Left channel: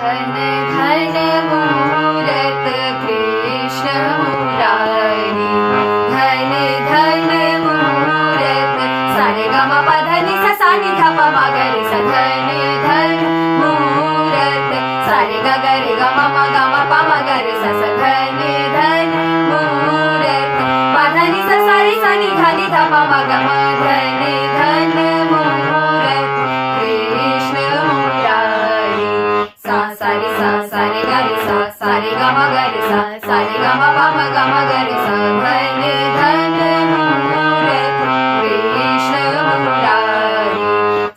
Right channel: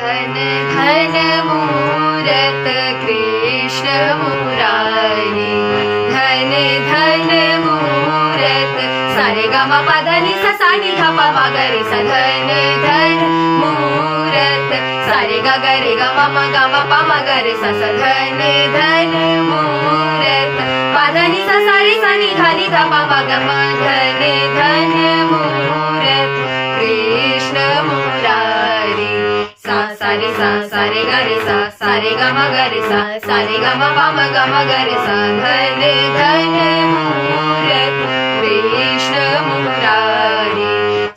धन धन मूरत कृष्ण मुरारी, धन धन मूरत सारे ग म प ध नि सा सा नि ध प म ग रे सा, धन धन मूरत सारे ग ग रे ग म ग म प म ग रे सा सा, धन धन मूरत प ध नि सा सा रे सा नि ध प म ग म, धन धन मूरत कृष्ण मुरारी, सा सा रे ग रे सा, सा रे ग म ग रे सा, सा रे ग म प म ग म ग रे सा, धन धन मूरत कृष्ण मुरारी,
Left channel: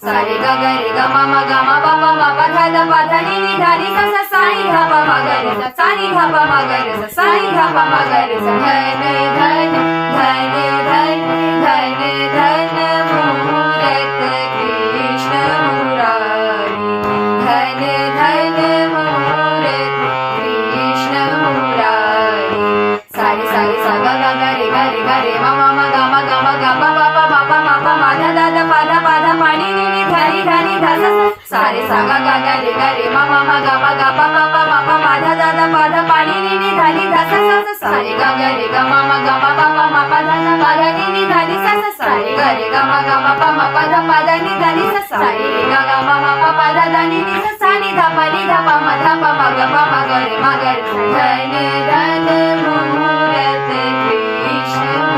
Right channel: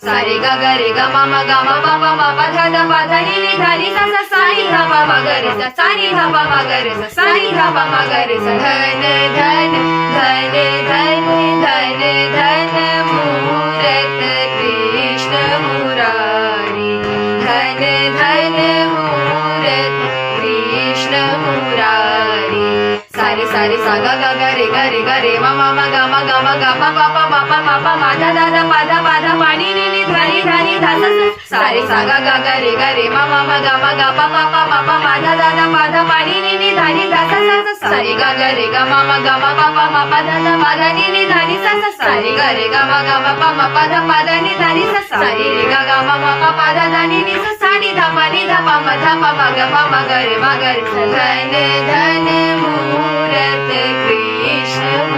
सा रे ग ग रे ग म म ग म प प म प ध ध प ध नि नि ध नि सा सा, सा नि ध प म ग रे सा, सा नि ध प म ग रे सा, सा नि ध प म ग रे सा, धन धन धन धन धन धन मूरत कृष्ण मुरारी, धन धन मूरत कृष्ण मुरारी, सारे सारे सा ग ग ग रे ग रे ग रे म म ग म ग म ग म प प म प म प म ध ध ध प ध म नि नि नि ध नि ध नि ध सा, सारे सा ग ग ग रे ग रे म म ग म ग प प म प म ध ध ध प ध म नि नि नि ध नि ध सा सा सा, सारे ग ग रे ग म ग म प प म प ध ध प ध नि नि ध नि सा सा, सारे ग रे ग म प म प ध प ध नि ध नि सा, सारे रे ग ग म प प ध ध नि नि सा, सा नि ध प म ध प म ग म ग रे म ग रे सा, धन धन मूरत कृष्ण